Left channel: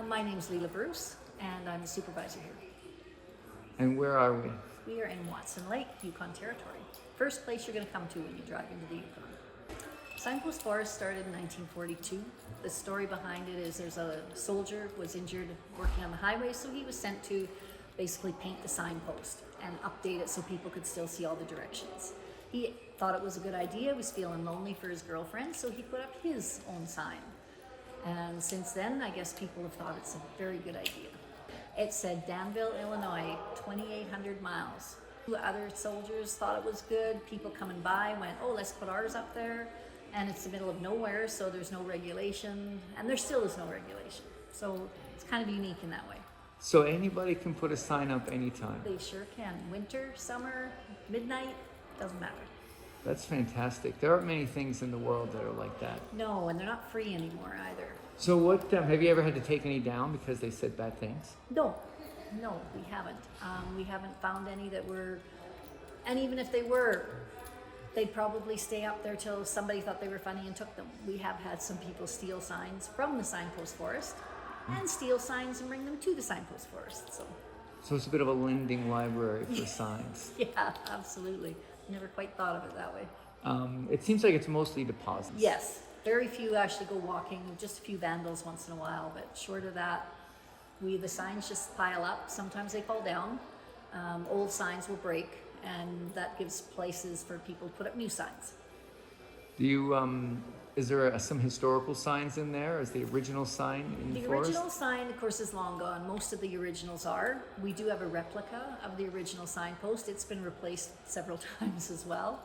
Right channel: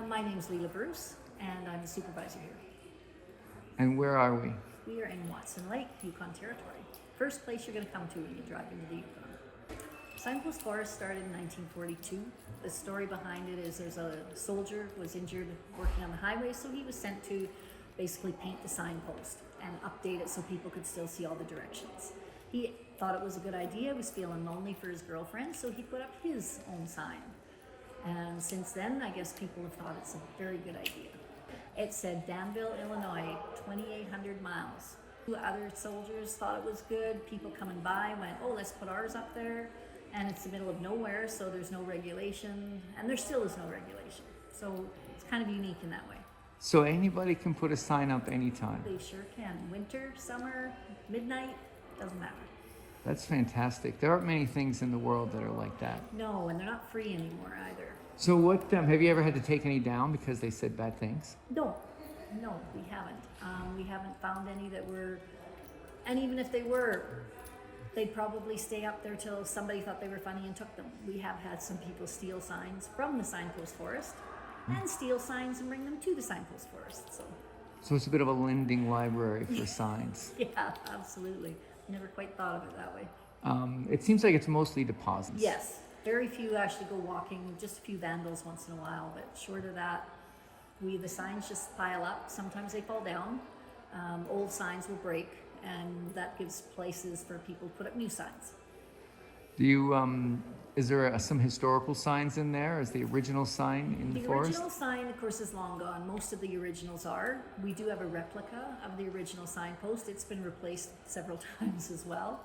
My name's Leila Bruce, and I'm the supervisor here. And where are we? We are in Watson Lake, Yukon territory. First place you're going to come to when you drive into the Yukon. Signpost Forest started in 1942. The story behind it is there's a soldier was injured working on the highway, so he was sent to basically paint the signpost and update it so people could still see all the directions. He thought it was a good idea, was feeling lonely for his girlfriend, so he put up his own sign. And since then, I guess people have thought it's a very good idea. It said Danville, Illinois, 2,800 miles. Other soldiers thought it was good. People coming by went, oh, let's put ours up there. And it's the middle of nowhere, so there's no regulation. And there still is no regulation. So it's kind of unique in that way. So anybody can put a sign up anytime? They sure can. Winter, summer, midnight, doesn't matter. That's fantastic. There aren't many things in the world that are like that. No, and they're not free anymore either. So what, have you ever had to take any down because they said bad things? No, we haven't. We haven't found any that were, and even if they were, they'd probably stay up there till somebody thought they were funny and took them. We have had some people steal signs from the Signpost Forest and steal signs and bring them to the Signpost Forest. So it's a bit of a lending library for signs. Yeah, absolutely. Never quite thought of it that way. It seems like it's mostly deposits. Yes, very few actually go walking, just a few vandals once in a while, but short of that, the signs just pile up. Sometimes they fall down. Old signs will break, and that gives places for people to put up new signs. Do you, is there some historical signs in there? Is the original sign in the forest? Original sign, of course, is long gone. Most of the originals are. We do have a replica of the original signpost. It's been replaced several times as well.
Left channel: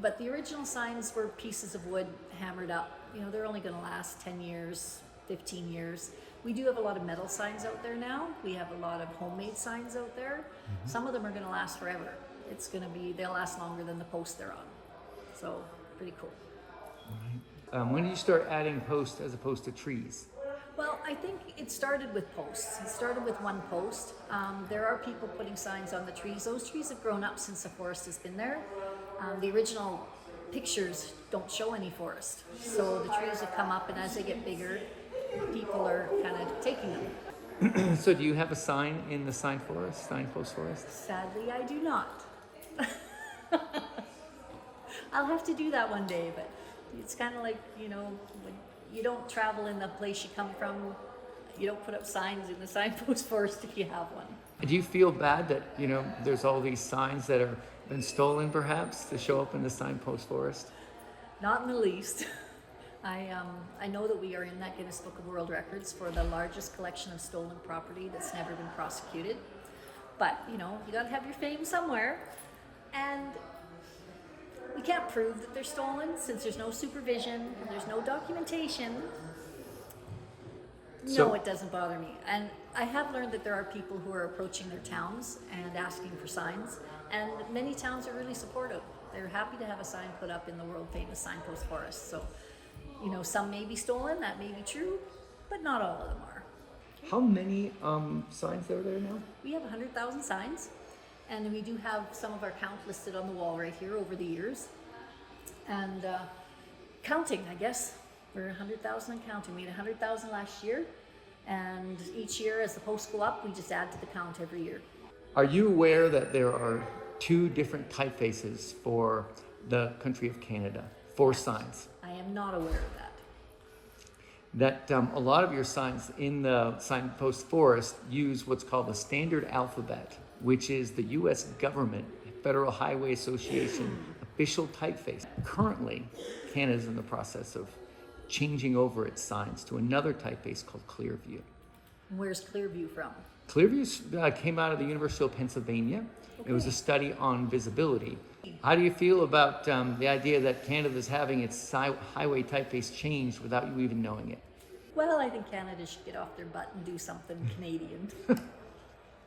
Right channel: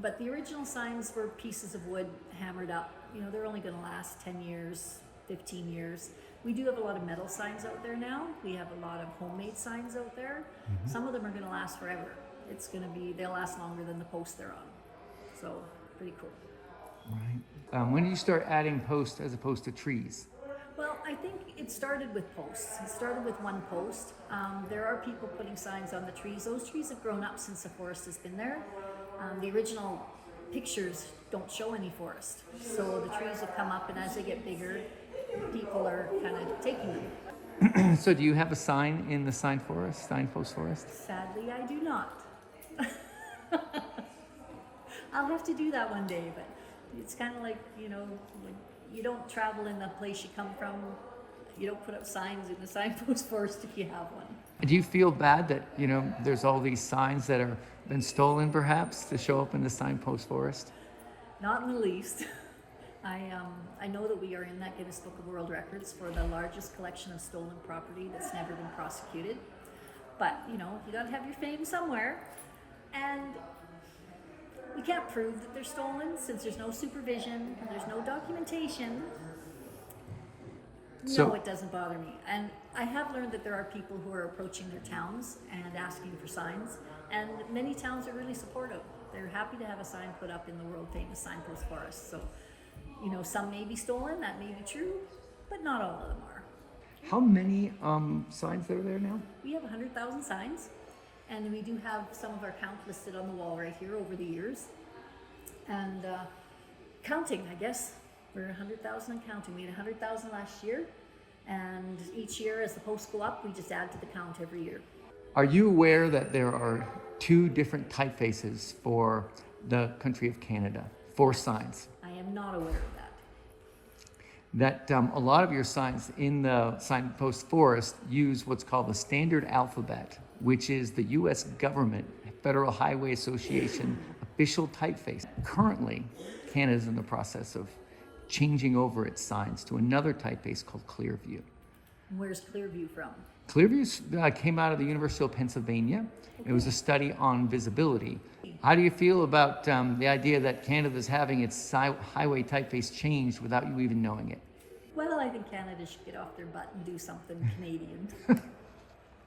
But the original signs were pieces of wood hammered up. You know, they're only going to last 10 years, 15 years. We do have a lot of metal signs out there now. We have a lot of homemade signs out there. Mm-hmm. Some of them are going to last forever. They'll last longer than the post they're on. So, pretty cool. Right. When did you start adding posts as opposed to trees? Well, I think it started with posts. It started with one post. There are people putting signs on the trees. Those trees have grown up since the forest has been there. The original pictures don't show any forest. So the trees have come up, and as they get bigger, people are kind of taking them. So do you have a sign in the Signpost Forest? Sadly, I do not. I'll have to do that one day, but it's kind of like, you know, when you don't travel in the place you come from, you don't put up signs in the Signpost Forest if you have one. Do you feel bad that, you know, there's all these signs that have been stolen perhaps to show up in the Signpost Forest? Not in the least. I know that we are in that Guinness Book of World Records for the largest collection of stolen property that's never been prosecuted. But, you know, you gotta have your fame somewhere. And we can't prove that they're stolen since there's no supervision and there's no documentation. No, it doesn't bother me. And I have learned that there are people who are approaching their towns and asking for signs, and many towns are really supportive. They're happy to have a sign put up in the world famous Signpost Forest. So, you know, some may be stolen, that may be true, but not all of them are. How many signs are there now? We have 100,000 signs. And we do have some of our count listed on the wall right here over the years. And counting, I guess. We're 100,000 and counting. We had 100,000 last year. And each year as the posts go up, we just add to the count every year. Are you aware that there are two different typefaces for the country of Canada, for signs? I am not aware of that. That a lot of your signs in the Signpost Forest use what's called the standard alphabet, which is the U.S. government, Federal Highway Association official typeface. Currently, Canada is in the process of changing over its signs to another typeface called Clearview. Where's Clearview from? Clearview came out of the University of Pennsylvania. Okay. It was a study on visibility. How do you feel about the idea that Canada's having its highway typeface changed without you even knowing it? Well, I think Canada should get off their butt and do something Canadian. It'd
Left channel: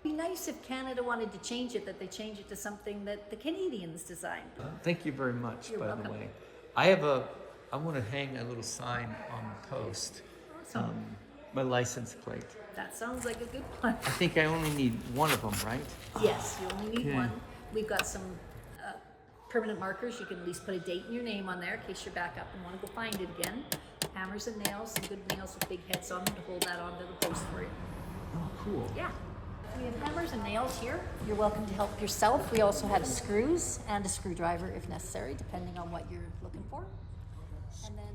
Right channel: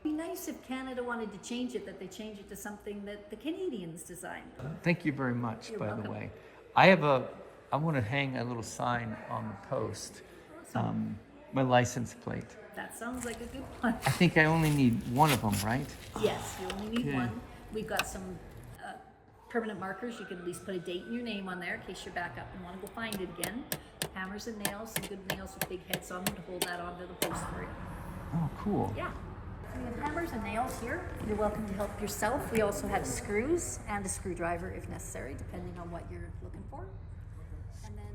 be nice if Canada wanted to change it, that they change it to something that the Canadians designed. Thank you very much. You're welcome. The way. I want to hang a little sign on the post. Awesome. My license plate. That sounds like a good one. I think I only need one of them, right? Yes, you only need one. We've got some permanent markers. You can at least put a date and your name on there in case you're back up and want to go find it again. hammers and nails, some good nails with big heads on them to hold that onto the post for you. Oh, cool. Yeah. We have hammers and nails here. You're welcome to help yourself. We also have screws and a screwdriver if necessary, depending on what you're looking for. And then